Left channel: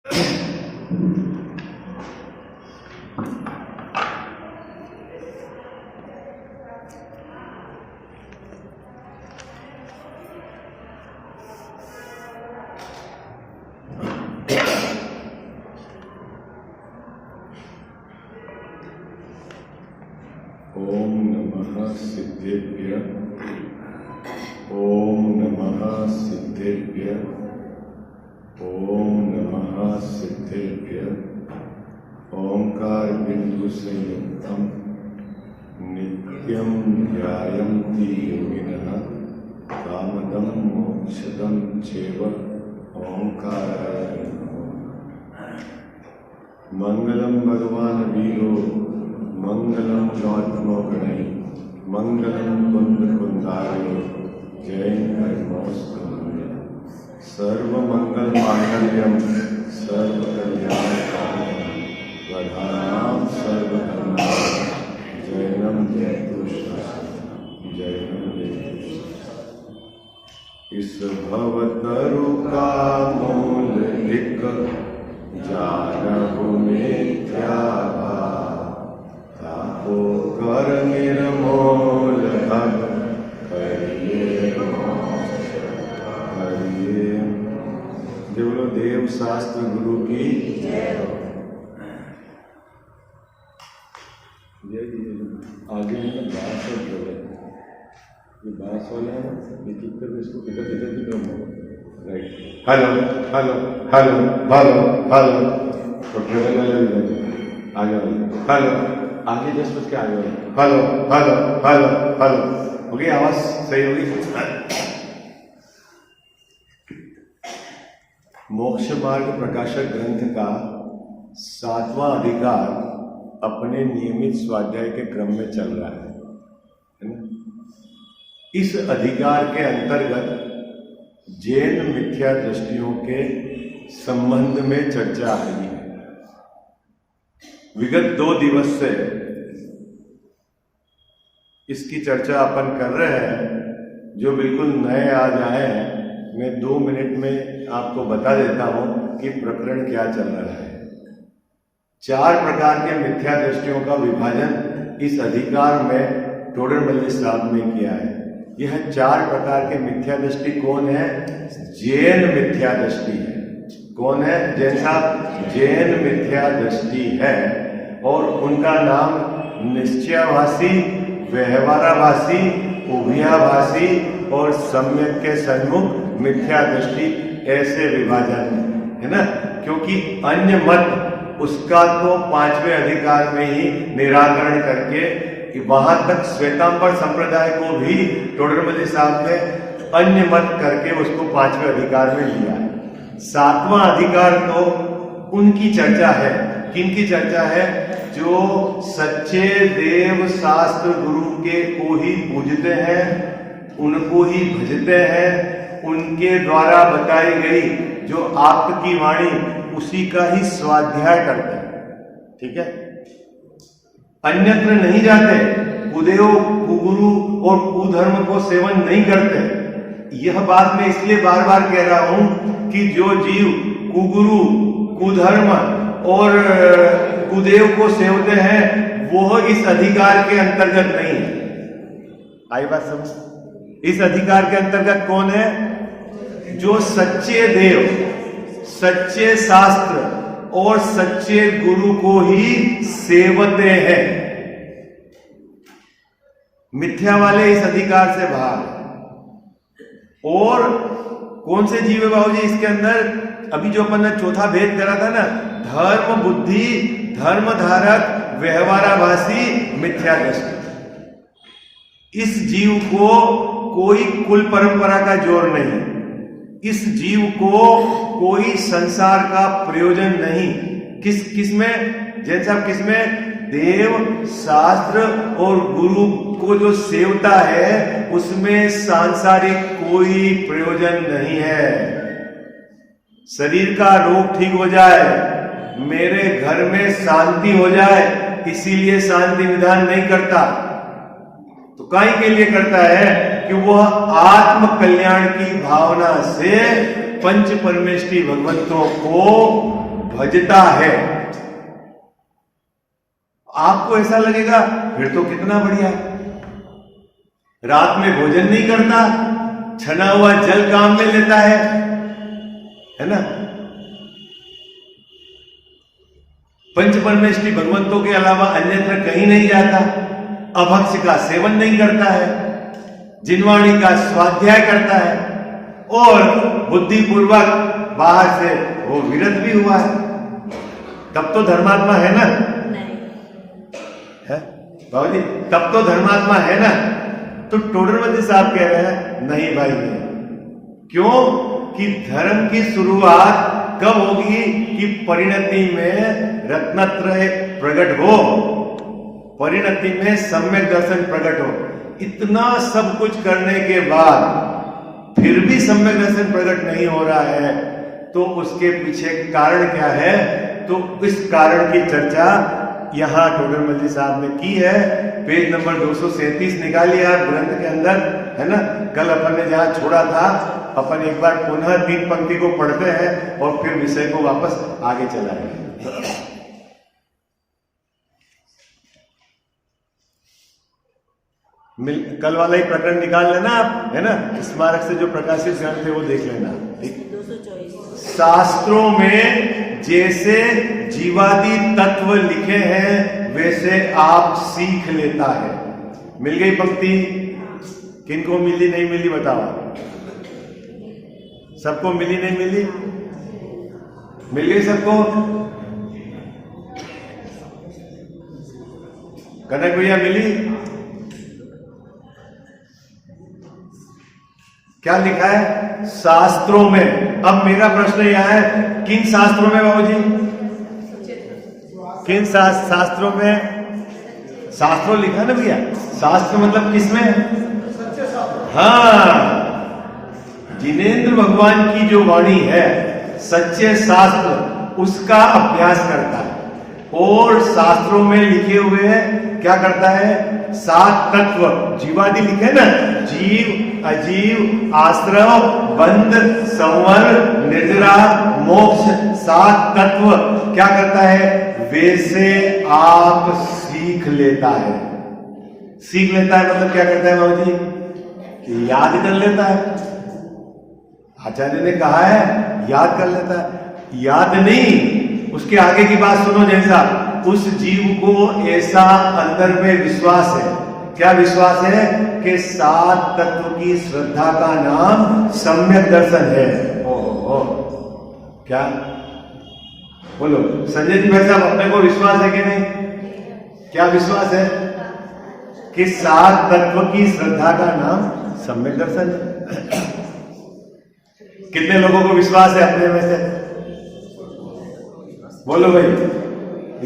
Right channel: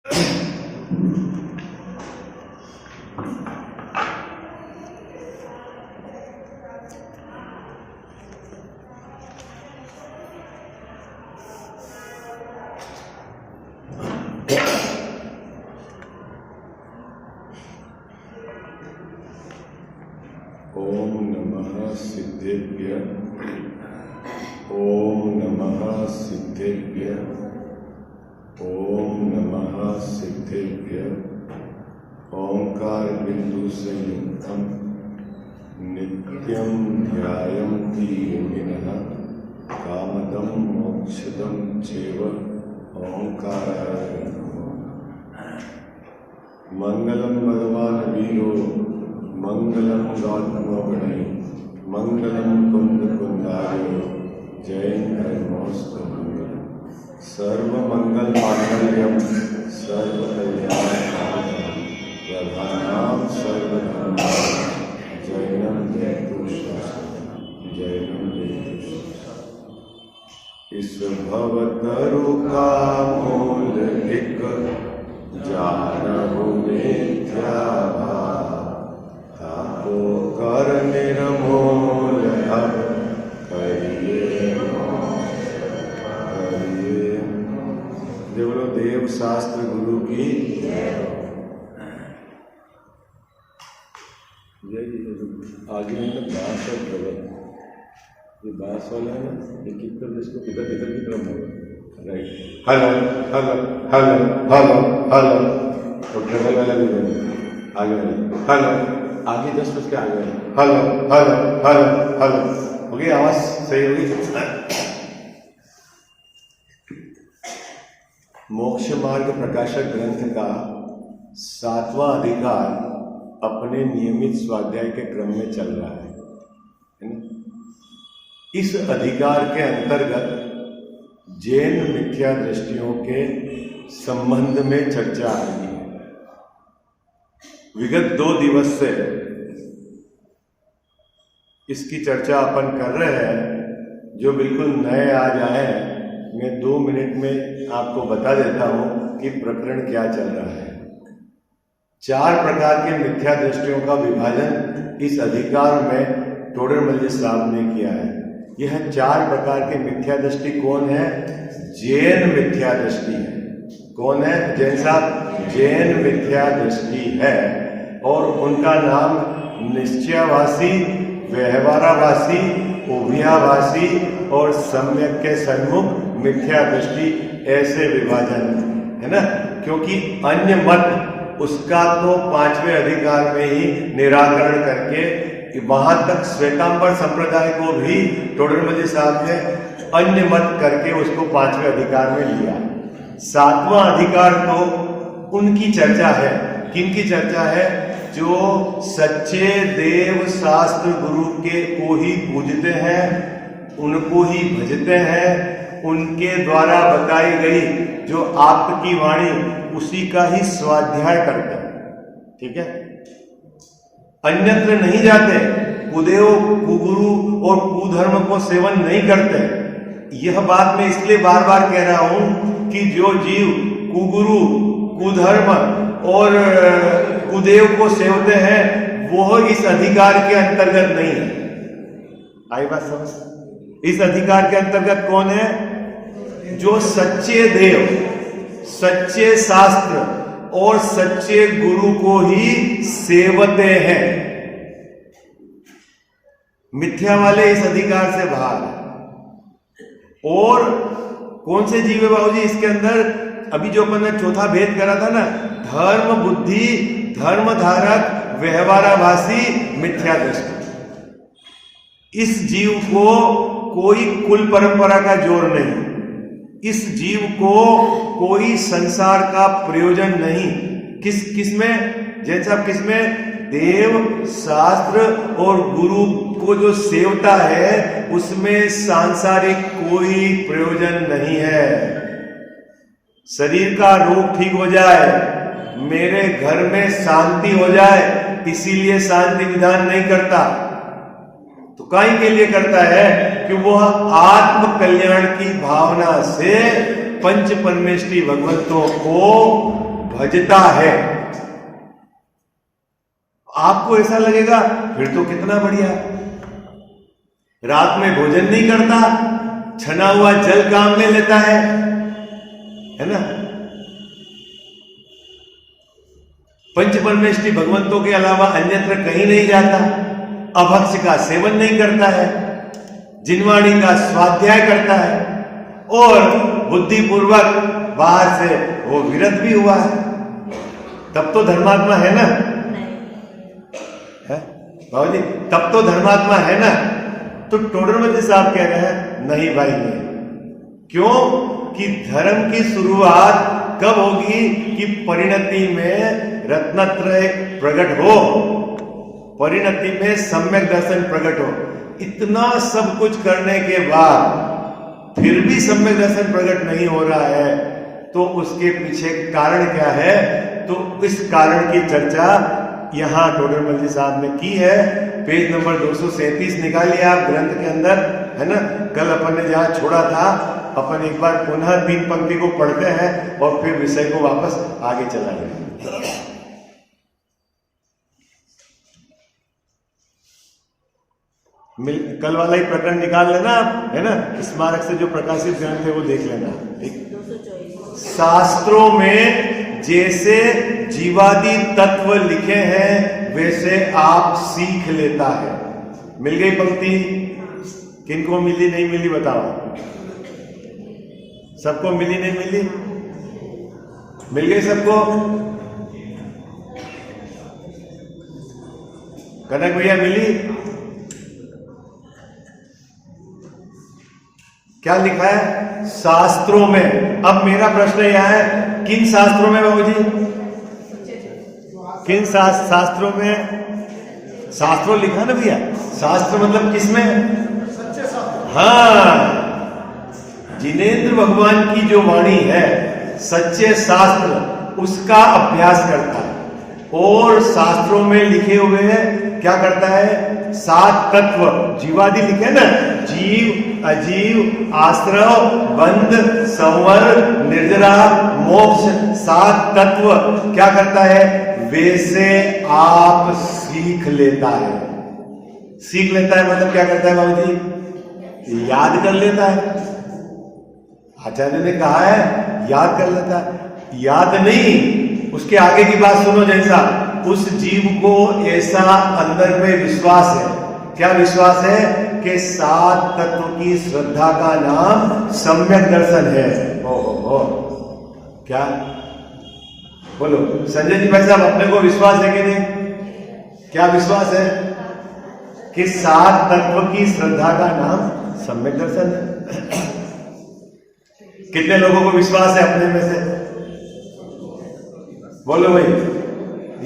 ओम नमः सिद्धेभ्य। ओम नमः सिद्धेभ्य। ओम नमः सिद्धेभ्य। ओंकार बिंदु संयुक्तम नित्यं ध्यायन्ति योगिनः कामदं मोक्षदं चैव ओंकाराय नमः। मंगलम भगवान वीरो मंगलम गौतमो गणै मंगलम कुंद कुंदारो जयंतमोस्तु मंगलम। सर्वमंगल मांगल्यम सर्वकल्याणकारिणं वरदानं सर्वधर्माणां जयनं जयतु शास्त्रम् जयनं जयतु शास्त्रम्। इस भवतरु का मूल एक जानहु मिथ्या ताको कर निर्मूल अब करिए करिए। जय बोलो देव शास्त्र गुरु की जय। आगे है ना 62 प्रवर, ये 22 वाला है ना, ये कीर्तन इसको किधर किधर की तरफ होगा। Right, hello hello hello hello hello, तो प्रवर अलग आगे हेलो आगे 10 बज के आगे हेलो हेलो हेलो हेलो हो गई, आवाज सही होगी। मोक्ष मार्ग प्रकाशक ग्रंथ का 7वां अधिकार अपने नियमित स्वाध्याय के क्रम में चल रहा है ना। इस अधिकार के अंतर्गत जैन मिथ्या दृष्टियों के संबंध में चर्चा आएगी। विगत 2 दिवस से इसकी चर्चा अपन कर रहे हैं। जो बिल्कुल नए आज आए हैं, मैं 2 मिनट में आपको बता देता हूं कि प्रकरण क्या चल रहा है। 4 प्रकार के मिथ्या दृष्टियों का विभाजन इस अधिकार में टोडरमल साहब ने किया है। यह 4 प्रकार के मिथ्या दृष्टि कौन है? जैन मिथ्या दृष्टि है। कौन है? जैन साहब, जैन मिथ्या दृष्टि है। और उनका नाम निश्चयवासी, व्यवहारावासी, उभयावासी और सम्यक के सन्मुख मिथ्या दृष्टि, ऐसे विभाजन है ना। क्योंकि अन्य मत उसका तो 5वें अधिकार में ही निराकरण करके वहां तक श्वेतांबर संप्रदाय को भी टोडरमल साहब ने अन्य मत करके उसको 5वें अधिकार में लिया। 7वां अधिकार तो उनकी चर्चा है। किनकी चर्चा है? जो सच्चे देव शास्त्र गुरु के को ही पूजते हैं, उनको ही भजते हैं, उनके द्वारा बताई गई जो आपकी वाणी उसी का ही स्वाध्याय करते हैं। ठीक है, अन्यत्र नहीं जाते, कुदेव कुगुरु और कुधर्म को सेवन नहीं करते। यह बात मैं इसलिए बार बार कह रहा हूं कि जो जीव कुगुरु, कुधर्म और कुदेव को सेवते हैं वो इस अधिकार के अंतर्गत नहीं है। आई बात समझ? इस अधिकार के अंतर्गत कौन है? जो सच्चे देव, सच्चे शास्त्र और सच्चे गुरु को ही सेवते हैं। मिथ्या वाले इस अधिकार से बाहर। और कौन से जीव है बाबूजी इसके अंदर? अभी जो अपन ने चौथा भेद करा था ना, धर्म बुद्धि, धर्म धारक, व्यवहाराभासी, मिथ्या दृष्टि। इस जीव को कोई कुल परंपरा का जोर नहीं, इस जीव को कोई संसार का प्रयोजन नहीं। किस में? जैसा किस में? देव शास्त्र और गुरु को जो सेवता है उसमें सांसारिक कोई प्रयोजन नहीं है। शरीर का रोग ठीक हो जाए, मेरे घर में शांति हो जाए, इसीलिए शांति विधान नहीं करता। तो काहे के लिए करता है? कि वह आत्म कल्याण की भावना से पंच परमेष्ठी भगवंतों को भजता है, आपको ऐसा लगेगा फिर तो कितना बढ़िया है। रात में भोजन नहीं करता, छना हुआ जल काम में लेता है ना। पंच परमेष्ठी भगवंतों के अलावा अन्यत्र कहीं नहीं जाता, अभक्ष्य का सेवन नहीं करता है, जिनवाणी का स्वाध्याय करता है और बुद्धिपूर्वक बाहर से वो विरत भी हुआ है, तब तो धर्मात्मा है ना, है बाबू जी, तब तो धर्मात्मा है ना। तो टोडरमल साहब कह रहे हैं नहीं भाई नहीं। क्यों कि धर्म की शुरुआत कब होगी कि परिणति में रत्नत्रय प्रकट हो, परिणति में सम्यक दर्शन प्रकट हो। इतना सब कुछ करने के बाद फिर भी सम्यक दर्शन प्रकट नहीं हो रहा है तो उसके पीछे कारण क्या है? तो इस कारण की चर्चा यहां टोडरमल जी साहब ने की है। पेज नंबर 237 निकालिए आप ग्रंथ के अंदर, है ना। कल अपन ने जहां छोड़ा था अपन एक बार पुनः 3 पंक्ति को पढ़ते हैं और फिर विषय को वापस आगे चलाएंगे। कल वाला ही प्रकरण निकाल लेना आप, है ना। स्मारक से जो प्रकाशित ग्रंथ थे वो देख लेना। शास्त्रों में जैसे जीवादि तत्व लिखे हैं वैसे आप सीख लेता है। मिल गई पंक्ति? किनको मिली नहीं मिली बताओ? सबको मिली नहीं मिली? मिल गई सबको? कनक भैया मिली? क्या लिखा है शास्त्रों में? अब मेरा प्रश्न यह है किन शास्त्रों में बाबूजी? किन शास्त्रों में? शास्त्रों लिखा ना भैया, शास्त्र मतलब किसमें? हाँ, जिनेंद्र भगवान की जो वाणी है सच्चे शास्त्र उसका अभ्यास करता है और शास्त्रों में लिखे हुए हैं क्या करता है? 7 तत्व जीवादि लिखे ना, जीव अजीव आश्रव बंध संवर निर्जरा मोक्ष 7 तत्व क्या करता है? वैसे आप सीख लेता है। सीख लेता है मतलब क्या करता है बाबू जी? याद कर लेता है। आचार्य ने कहा है याद कर लेता है, याद नहीं। उसके आगे की बात सुनो, जैसा उस जीव को ऐसा अंदर में विश्वास है। क्या विश्वास है? कि 7 तत्व की श्रद्धा का नाम सम्यक दर्शन है। ओ क्या बोलो संजय जी भाई साहब, अपने को विश्वास है कि नहीं? क्या विश्वास है? कि 7 तत्व की श्रद्धा का नाम सम्यक दर्शन है। कितने लोगों को विश्वास है अपने में से? बोलो भाई,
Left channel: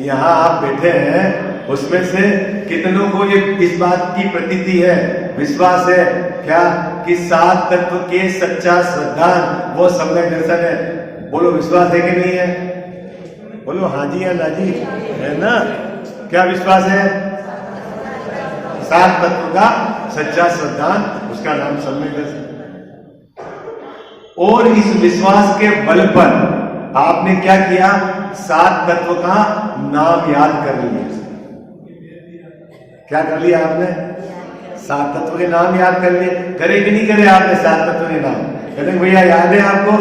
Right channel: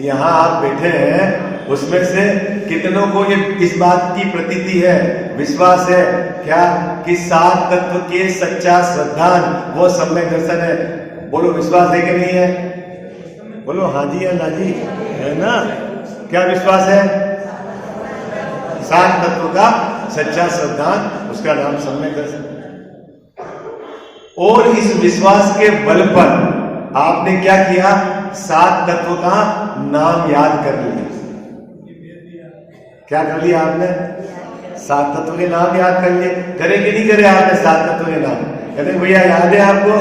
यहां आप बैठे हैं उसमें से कितनों को ये इस बात की प्रतीति है, विश्वास है क्या कि 7 तत्व के सच्चा श्रद्धा वो सम्यक दर्शन है? बोलो विश्वास है कि नहीं है? बोलो हाँ जी या ना जी, है ना। क्या विश्वास है? 7 तत्व का सच्चा श्रद्धा उसका नाम सम्यक दर्शन। और इस विश्वास के बल पर आपने क्या किया? 7 तत्व का नाम याद कर लिया। क्या कर लिया आपने? 7 तत्व के नाम याद कर लिए। करे कि नहीं करे आपने 7 तत्व के नाम? कहते भैया याद है आपको?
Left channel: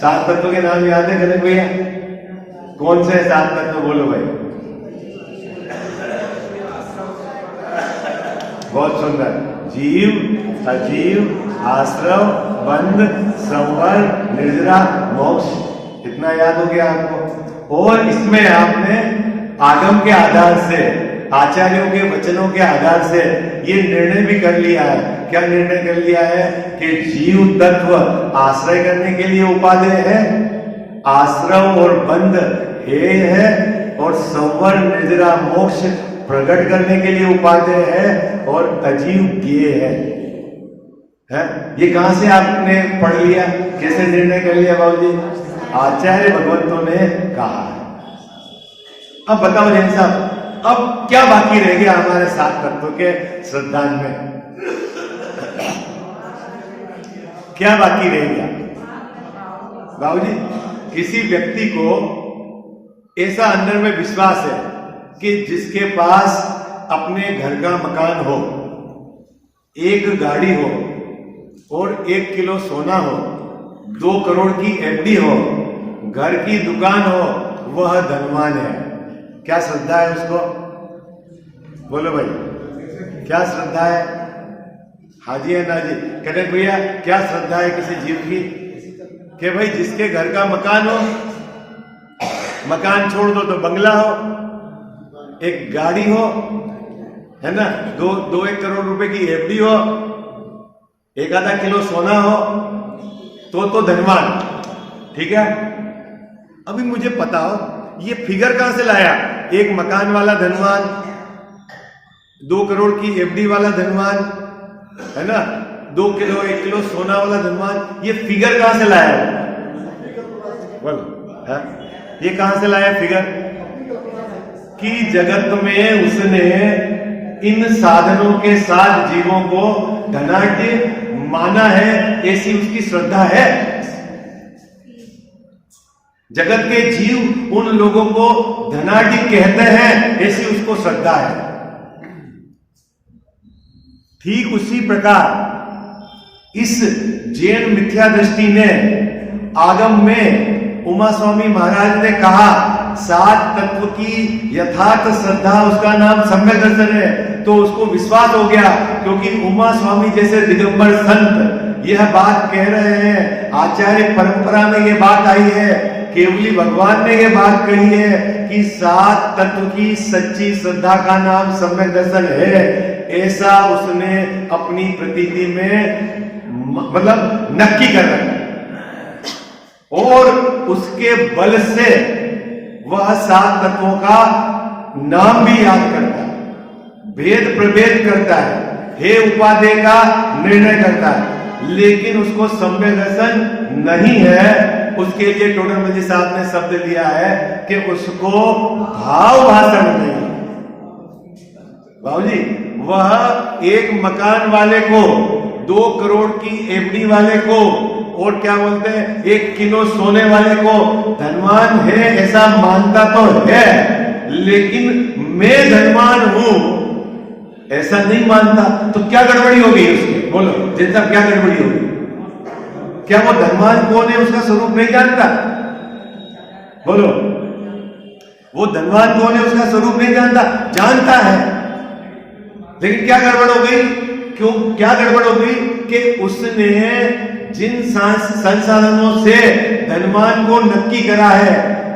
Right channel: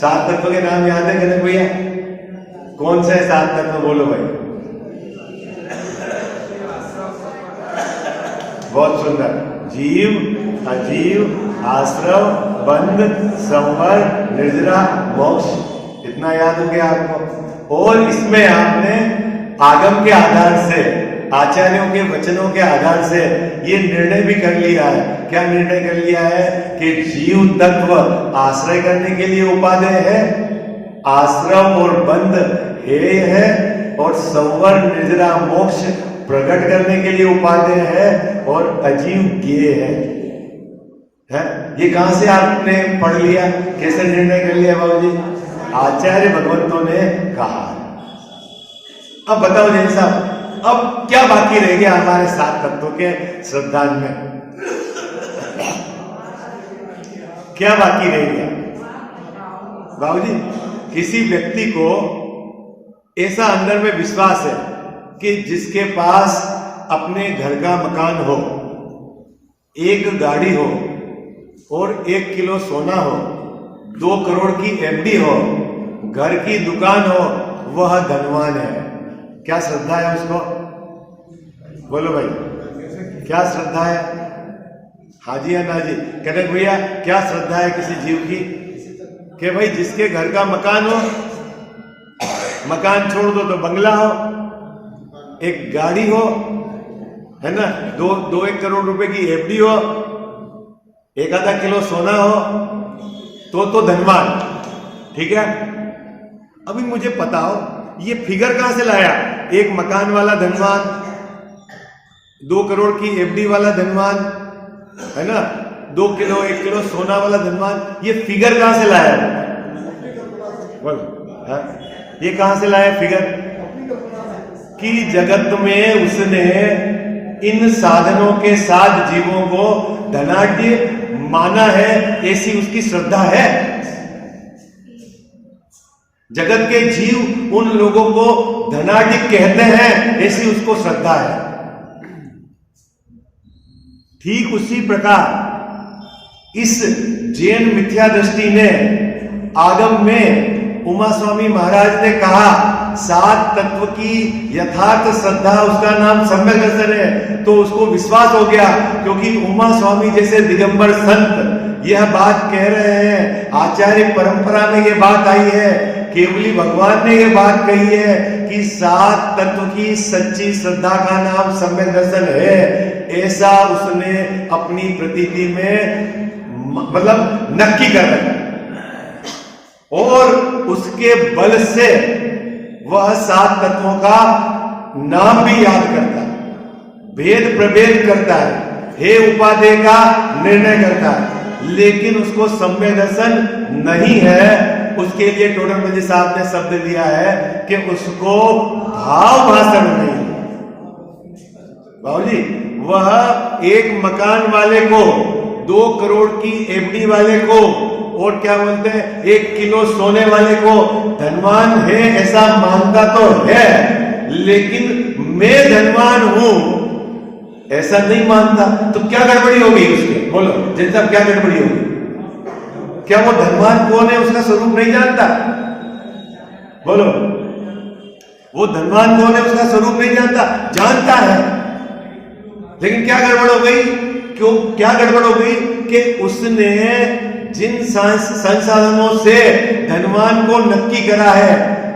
7 तत्व के नाम याद है? कहते भैया कौन से 7 तत्व? बोलो भाई। बहुत सुंदर। जीव अजीव आश्रव बंध संवर निर्जरा मोक्ष। इतना याद हो गया आपको? और इसमें आपने आगम के आधार से, आचार्यों के वचनों के आधार से ये निर्णय भी कर लिया है। क्या निर्णय कर लिया है? कि जीव तत्व आश्रय करने के लिए उपादेय है, आश्रम और बंध हेय है, और संवर निर्जरा मोक्ष प्रकट करने के लिए उपादेय है, और अजीव ज्ञेय है। ये कहां से आपने पढ़ लिया? कैसे निर्णय कर लिया बाबूजी? आचार्य भगवंतों ने कहा। अब बताओ जैन साहब, अब क्या बाकी रह गया हमारे 7 तत्वों के श्रद्धांज में? क्या बाकी रह गया बाबूजी? किसी व्यक्ति को ऐसा अंदर में विश्वास है कि जिसके पास अपने घर का मकान हो, एक गाड़ी हो और 1 किलो सोना हो, 2 करोड़ की एफडी हो, घर की दुकान हो, वह धनवान है। क्या श्रद्धा है उसको? बोलो भाई, क्या श्रद्धा है? हाँ जी या ना जी? कहते भैया क्या श्रद्धा है किसी जीव की कि भाई जिसके घर का मकान हो, मकान छोड़ दो तो बंगला हो, एक गाड़ी हो, है ना, 2-1 करोड़ रुपए की एफडी हो, 1-आधा किलो सोना हो, तो धनवान। ठीक है, अभी मुझे बताओ ये फिगर कहां से लाया? एक मकान वाला धनवान, 2 करोड़ की एफडी वाला धनवान, है ना, 1 किलो सोना वाला धनवान, ये फिगर कहां से लाया? बोलो, है? ये कहां से लाया फिगर? कि जगत में उसने इन साधनों के साथ जीवों को धनाढ्य माना है, ऐसी उसकी श्रद्धा है। जगत के जीव उन लोगों को धनाढ्य कहते हैं, ऐसी उसको श्रद्धा है। ठीक उसी प्रकार इस जैन मिथ्या दृष्टि ने आगम में उमा स्वामी महाराज ने कहा 7 तत्व की यथार्थ श्रद्धा, उसका नाम सम्यक दर्शन है, तो उसको विश्वास हो गया। क्योंकि उमा स्वामी जैसे दिगंबर संत यह बात कह रहे हैं, आचार्य परंपरा में यह बात आई है, केवली भगवान ने यह बात कही है कि 7 तत्व की सच्ची श्रद्धा का नाम सम्यक दर्शन है। ऐसा उसने अपनी प्रतीति में मतलब नक्की कर रखा और उसके बल से वह 7 तत्वों का नाम भी याद करता है, भेद प्रभेद करता है, हे उपादेय का निर्णय करता है, लेकिन उसको सम्यक दर्शन नहीं है। उसके लिए टोडरमल जी साहब ने शब्द लिया है कि उसको भाव भाषण नहीं। बाबूजी, वह एक मकान वाले को, 2 करोड़ की एफडी वाले को और क्या बोलते हैं 1 किलो सोने वाले को धनवान है ऐसा मानता तो है, लेकिन मैं धनवान हूं ऐसा नहीं मानता। तो क्या गड़बड़ी हो गई उसमें? बोलो जैसा क्या गड़बड़ी हो गई? क्या वो धनवान कौन है उसका स्वरूप नहीं जानता? बोलो, वो धनवान कौन है उसका स्वरूप नहीं जानता? जानता है, लेकिन क्या गड़बड़ हो गई? क्यों क्या गड़बड़ हो गई? कि उसने जिन संसाधनों से धनवान को नक्की करा है,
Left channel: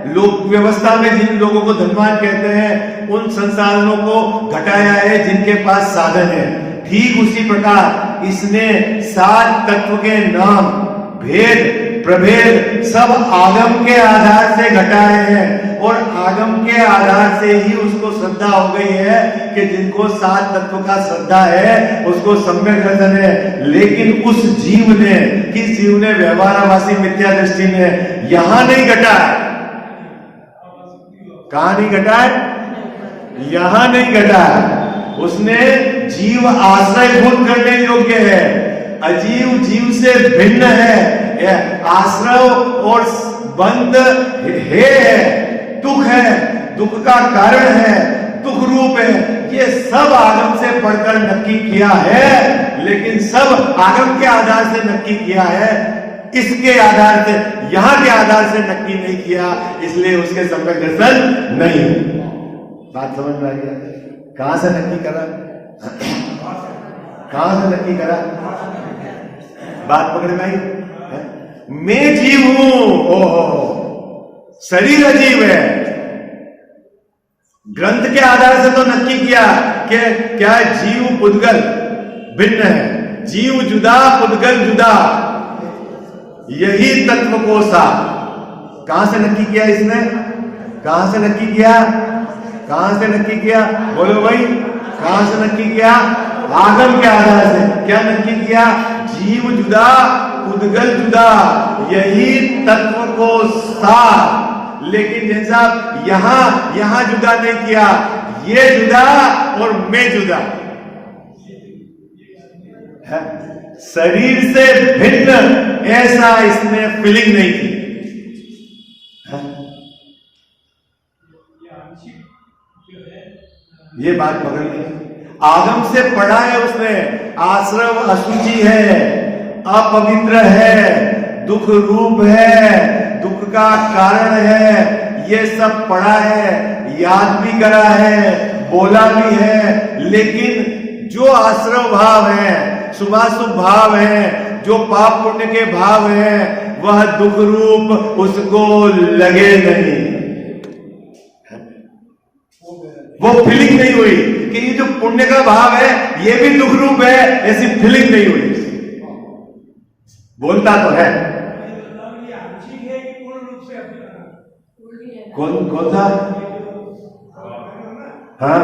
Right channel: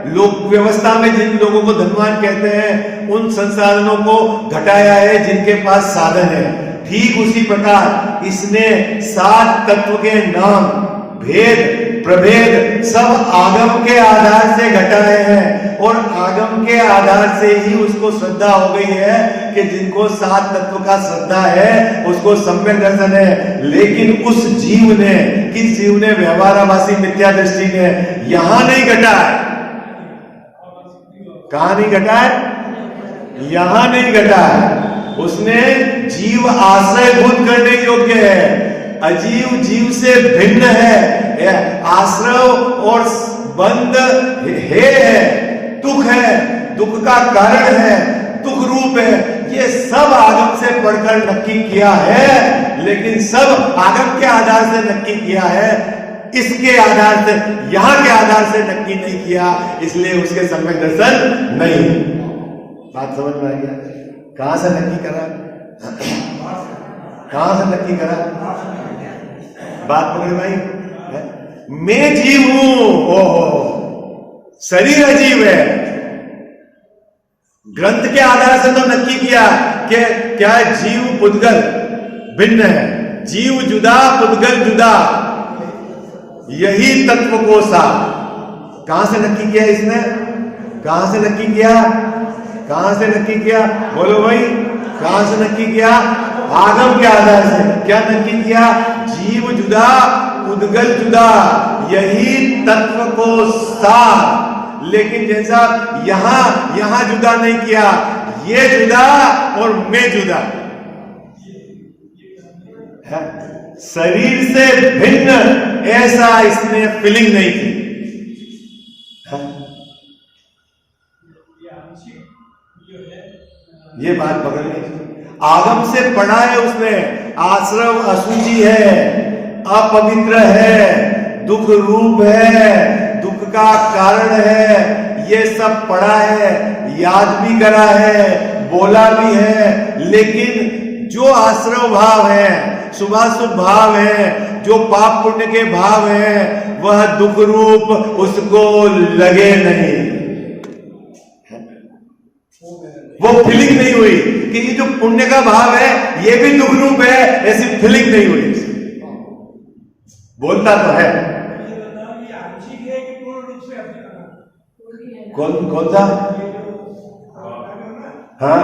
लोक व्यवस्था में जिन लोगों को धनवान कहते हैं, उन संसाधनों को घटाया है जिनके पास साधन है। ठीक उसी प्रकार इसने 7 तत्व के नाम, भेद प्रभेद सब आगम के आधार से घटाए हैं और आगम के आधार से ही उसको श्रद्धा हो गई है कि जिनको 7 तत्व का श्रद्धा है उसको सम्यक दर्शन है। लेकिन उस जीव ने, किस जीव ने? व्यवहाराभासी मिथ्या दृष्टि ने यहां नहीं घटाए। कहां नहीं घटाए? यहां नहीं घटाए। उसने जीव आश्रयभूत करने योग्य है, अजीव जीव से भिन्न है, आश्रय और बंध है, दुख है, दुख का कारण है, दुख रूप है, ये सब आगम से पढ़कर नक्की किया है। लेकिन सब आगम के आधार से नक्की किया है, इसके आधार से, यहां के आधार से नक्की नहीं किया, इसलिए उसके सम्यक दर्शन नहीं। बात समझ में आ गया? कहां से नक्की करा? कहां से नक्की करा? बात पकड़ में आई? मैं जीव हूं, ओहो, शरीर अजीव है। ग्रंथ के आधार से तो नक्की किया कि क्या जीव पुद्गल भिन्न है, जीव जुदा पुद्गल जुदा, यही तत्व को सा। कहां से नक्की किया इसने? कहां से नक्की किया? कहां से नक्की किया? बोलो भाई, कहां से नक्की किया? आगम के आधार से। क्या नक्की किया? जीव जुदा पुद्गल जुदा, यही तत्व को सा। लेकिन जैसा यहां जुदा नहीं किया, ये जुदा और मैं जुदा है, शरीर से भिन्न, ऐसा इसने फीलिंग नहीं की। ये बात पकड़ ली। आगम से पढ़ा है उसने, आश्रम अशुचि है, अपवित्र है, दुख रूप है, दुख का कारण है, ये सब पढ़ा है, याद भी करा है, बोला भी है। लेकिन जो आश्रव भाव है, शुभाशुभ भाव है, जो पाप पुण्य के भाव है, वह दुख रूप उसको लगे नहीं, वो फीलिंग नहीं हुई कि ये जो पुण्य का भाव है ये भी दुख रूप है, ऐसी फीलिंग नहीं हुई। बोलता तो है। कौन कौन सा? हाँ,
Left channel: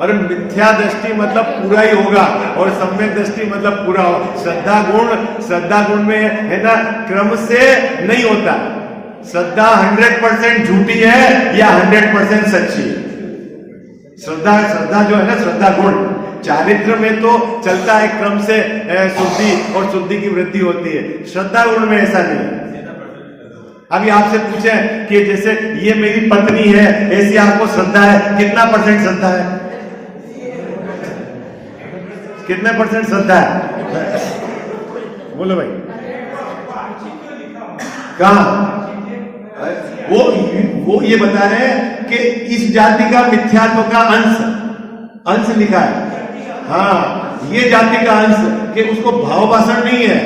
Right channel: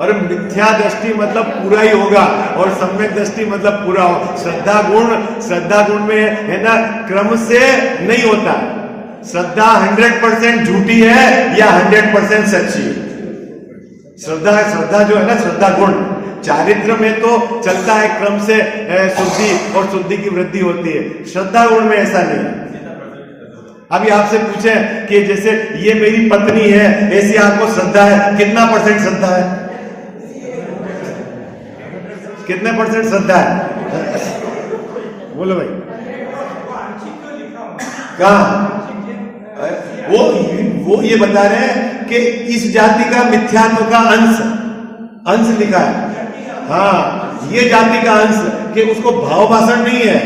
अरे मिथ्या दृष्टि मतलब पूरा ही होगा, और सम्यक दृष्टि मतलब पूरा हो। श्रद्धा गुण में है ना, क्रम से नहीं होता। श्रद्धा 100% झूठी है या 100% सच्ची है। श्रद्धा जो है ना, श्रद्धा गुण, चारित्र में तो चलता है क्रम से शुद्धि और शुद्धि की वृद्धि होती है। श्रद्धा गुण में ऐसा नहीं है। अभी आपसे पूछे कि जैसे ये मेरी पत्नी है, ऐसी आपको श्रद्धा है, कितना % श्रद्धा है? कितने % श्रद्धा है? बोलो भाई। कहाँ? वो ये बता रहे हैं कि इस जाति का मिथ्यात्व का अंश लिखा है। हाँ, ये जाति का अंश, कि उसको भाव भाषण नहीं है,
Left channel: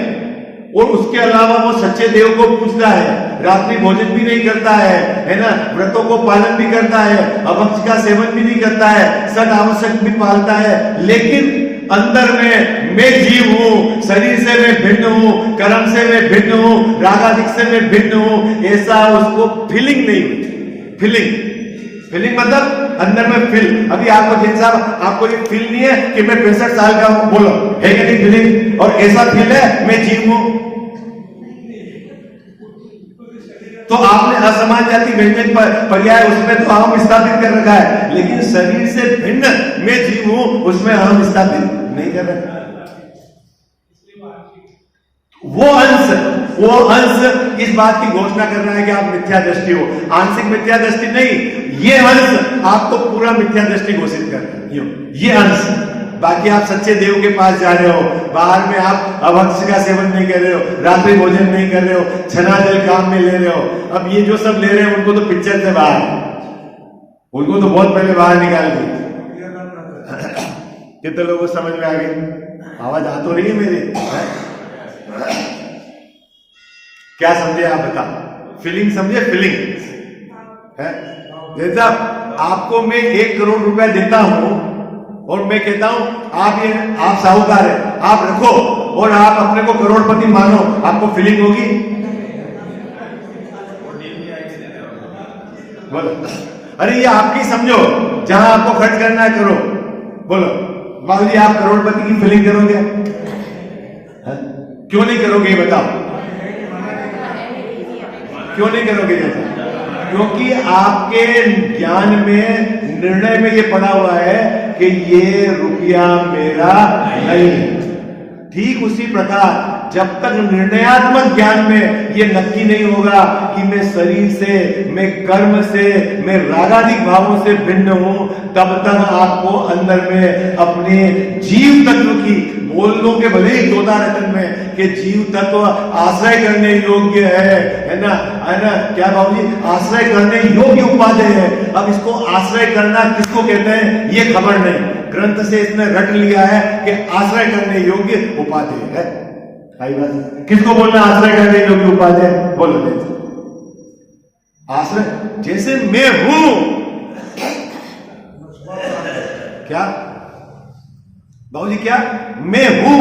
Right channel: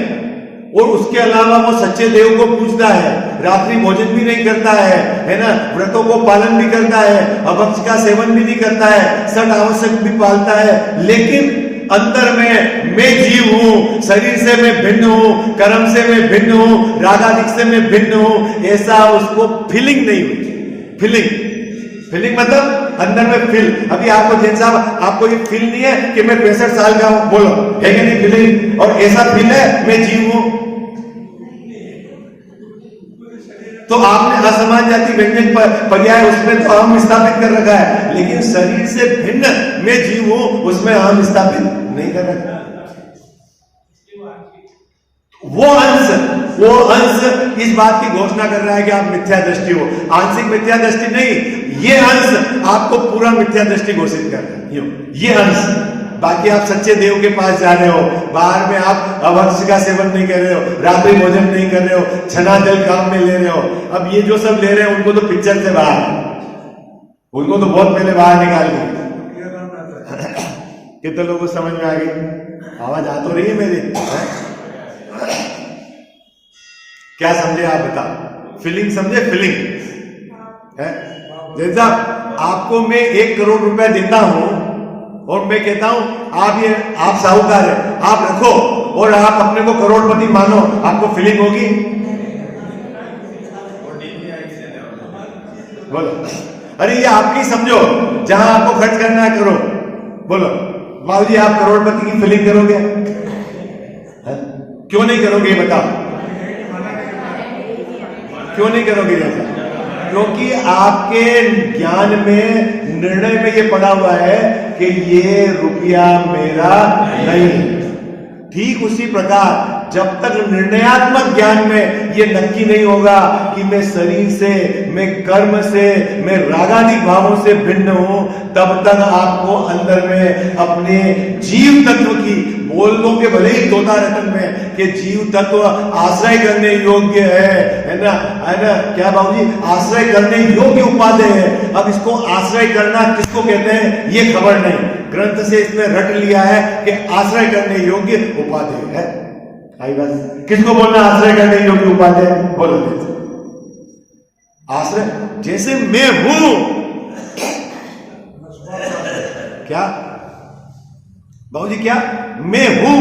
और उसके अलावा वो सच्चे देव को पूजता है, रात्रि भोजन भी नहीं करता है ना, व्रतों को पालन भी करता है, अभक्ष का सेवन भी नहीं करता है, सद आवश्यक भी पालता है, लेकिन अंदर में मैं जीव हूं, शरीर से मैं भिन्न हूं, कर्म से मैं भिन्न हूं, रागादिक से मैं भिन्न हूं, ऐसा उसको फीलिंग नहीं हुई। फीलिंग मतलब अंदर में फील। अभी आपको जैन साहब, आपको ये फील नहीं है कि मैं 65 साल का हूं, बोलो है कि नहीं फीलिंग? और ऐसा फील है मैं जीव हूं। तो आपने असमान जाति व्यंजन पर पर्याय उसमें तो अहम स्थापित कर रखा है, लेकिन शरीर से भिन्न मैं जीव हूं उसमें अहम स्थापित नहीं कर रखा। वो अंश इस बात की घोषणा कर रहा है कि आप मिथ्या दृष्टि हो। आंशिक मिथ्या दृष्टि नहीं, ये अंश आपको पूरा मिथ्या दृष्टि घोषित कर रहा है, ये अंश। बाकी आप सच्चे देव के पास जा रहे हो, बाहर में आप अभक्ष का सेवन नहीं कर रहे हो, रात्रि भोजन नहीं कर रहे हो, छना जल काम में ले रहे हो। अब ये जो सब ले रहे हैं उनको तो पिक्चर से बाहर, उनको तो बहुत पहले बाहर निकाल दिए। कितने लोगों को समझ में आ गई? आवाज आ तो रही है मेरी? क्या समझे आप बताओ? फीलिंग समझे? फीलिंग है। जैसा आपको मैं 1 करोड़ रुपया देता हूं और मैं कहता हूं आप साहूकार है, आप रखो, और आप अपने को करोड़पति मानो, आपको फीलिंग होगी? बोलो। अरे ये आपकी समझो, जहां आपको खर्च करना है करो। बोलो बाबू जी, आप करोड़पति की फीलिंग करोगे? क्यों नहीं करोगे ये बताओ? क्यों नहीं करोगे जैसा? क्योंकि आपके ज्ञान में, निर्णय में ये पड़ा हुआ है कि ये रुपया मेरा नहीं। ठीक उसी प्रकार जब तक निर्णयात्मक ज्ञान में ये नक्की नहीं होगा कि मैं शरीर से, मैं कर्म से, मैं रागादिक भावों से भिन्न हूं, तब तक आपको अंदर में अपने जीव तत्व की, बोल लो के भले ही तोता रतन में कि जीव तत्व आश्रय करने योग्य है ना, क्या बाबूजी? आश्रय करने योग्य उपादेय है। अब इसको आश्रय करना किसको कहते हैं ये खबर नहीं, ग्रंथ से इसने रट लिया है कि आश्रय करने योग्य उपादेय है। आई बात? किसको बोलना आश्रय करने योग्य उपादेय? बोलो जैसे आश्रय, जैसे मैं हूं, क्या बाबूजी? क्या मैं हूं?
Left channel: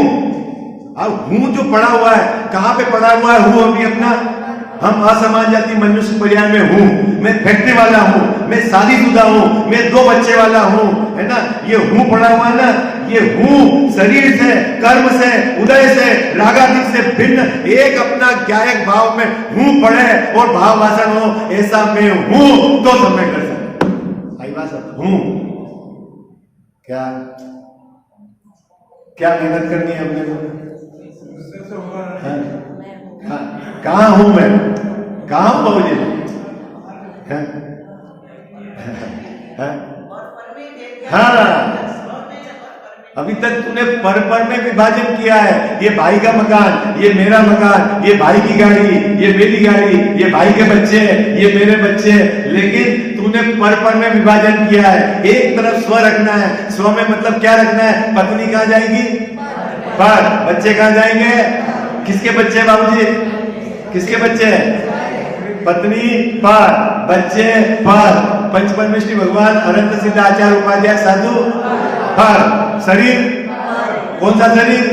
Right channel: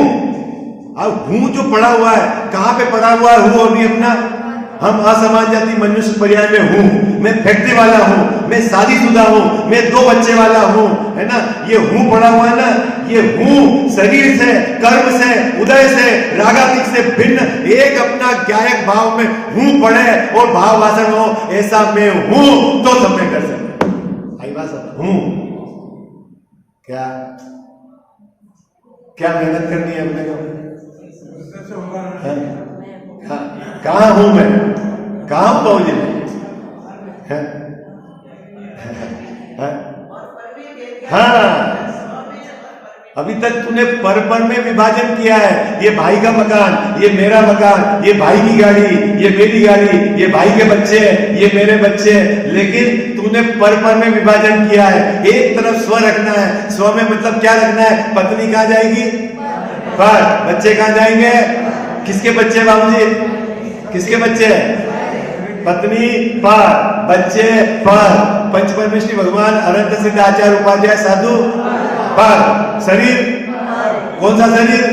अब हूं जो पड़ा हुआ है, कहां पे पड़ा हुआ है हूं? अभी अपना हम असमान जाति मनुष्य पर्याय में हूं, मैं फैक्ट्री वाला हूं, मैं शादीशुदा हूं, मैं 2 बच्चे वाला हूं, है ना? ये हूं पड़ा हुआ है ना, ये हूं शरीर से, कर्म से, उदय से, रागादिक से भिन्न एक अपना ज्ञायक भाव में हूं पड़े और भाव भाषण हो, ऐसा मैं हूं तो सब मैं कर सकता आई बात हूं। क्या मेहनत करनी है अपने को? कहाँ हूं मैं? कहाँ हूं बाबूजी मैं? हाँ, अभी तक तूने पर में विभाजन किया है। ये भाई का मकान, ये मेरा मकान, ये भाई की गाड़ी, ये मेरी गाड़ी, ये भाई के बच्चे, ये मेरे बच्चे, लेकिन तूने पर में विभाजन किया है। एक तरफ स्व रखना है। स्व में मतलब क्या रखना है? पत्नी कहाँ जाएगी? पर। बच्चे कहाँ जाएंगे? किसके बच्चे बाबूजी? किसके बच्चे? पत्नी पर, बच्चे पर। पंच परमेश्वरी भगवान अनंत सिद्ध आचार्य उपाध्याय साधु पर। शरीर कौन सा शरीर?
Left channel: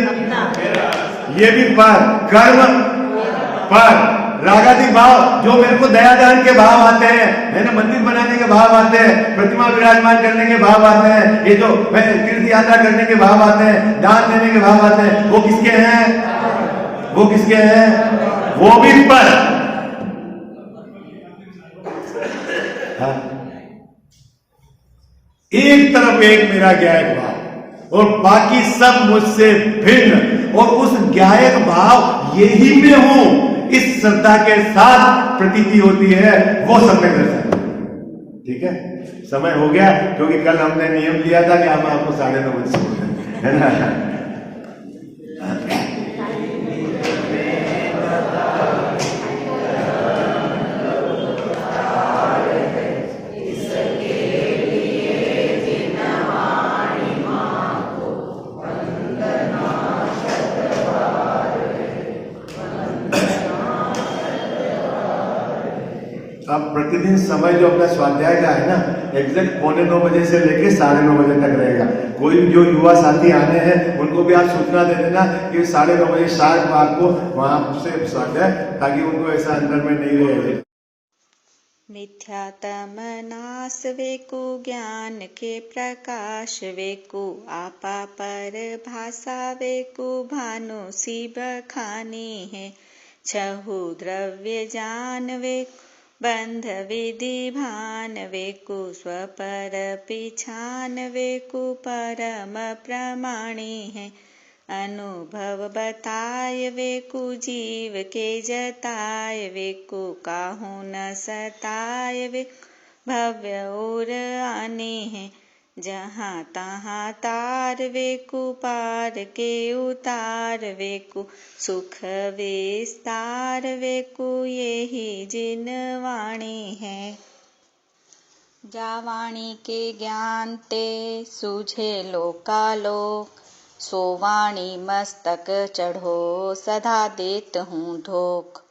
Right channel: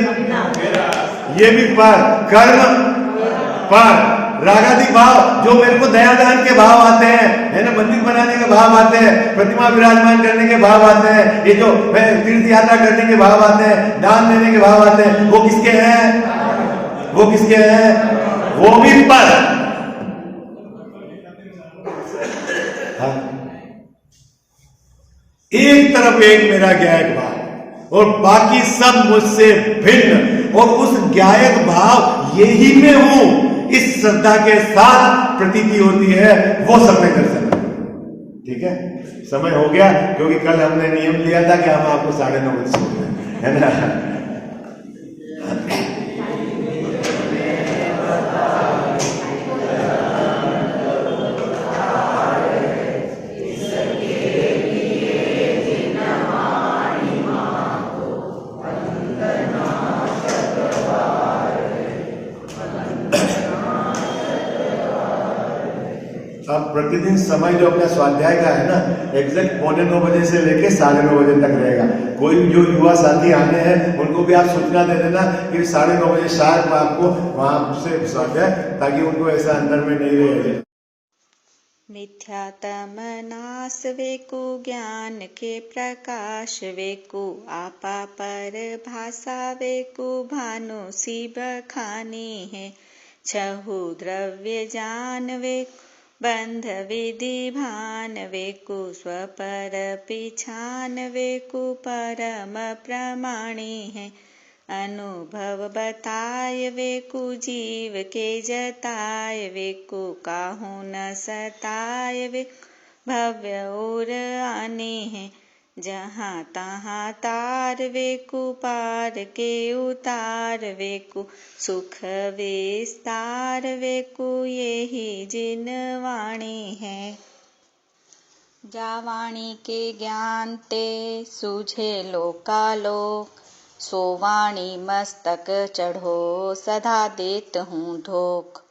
ये भी पर। कर्म पर। रागादि भाव जो मेरे को दया दान के भाव आते हैं, है ना, मंदिर बनाने के भाव आते हैं, प्रतिमा विराजमान करने के भाव आते हैं, ये जो तीर्थ यात्रा करने के भाव आते हैं, दान देने के भाव आते हैं, वो किसके हैं? वो किसके हैं? वो भी पर। हाँ। एक तरफ एक मेरा ज्ञायक भाव और बाकी सब मुझसे भिन्न, और उस ज्ञायक भाव यही मैं हूं, इस श्रद्धा के साथ प्रतीति होती है, वो समय दर्शन। ठीक है, समय हो गया, क्योंकि कल हमने नियम लिया था कि हम आपको 9:30 बजे छोड़ दें, है ना। अब प्रतिदिन समय जो अपना स्वाध्याय का है ना, एग्जैक्ट 8:45 बजे से लेके 9:30 बजे तक रहेगा। कोई जो युवा साथी आने हैं उनको भी आप सूचना दे देना कि 9:30 बजे शार्प आपको वहां से स्वाध्याय, ताकि उनको ऐसा अंदर में नहीं रहे। मिथ्यातम नाश वेकु ज्ञान के प्रकाश वेकु, आपा पर भाषा वेकु भानु शिव खानी है। छहु द्रव्य जान वेकु बंध विधि भान वेकु, स्वपर पिछान वेकु परम प्रमाणी है। अनुभव बताय वेकु जीव के जताय वेकु, काहू न सताय वेकु भव्य और आने है। जहाँ तहाँ तार वेकु पार के उतार वेकु, सुख विस्तार वेकु यही जिन वाणी है। जा वाणी के ज्ञान ते सूझे लोकालोक, सो वाणी मस्तक चढ़ो सदा देत हूँ धोख।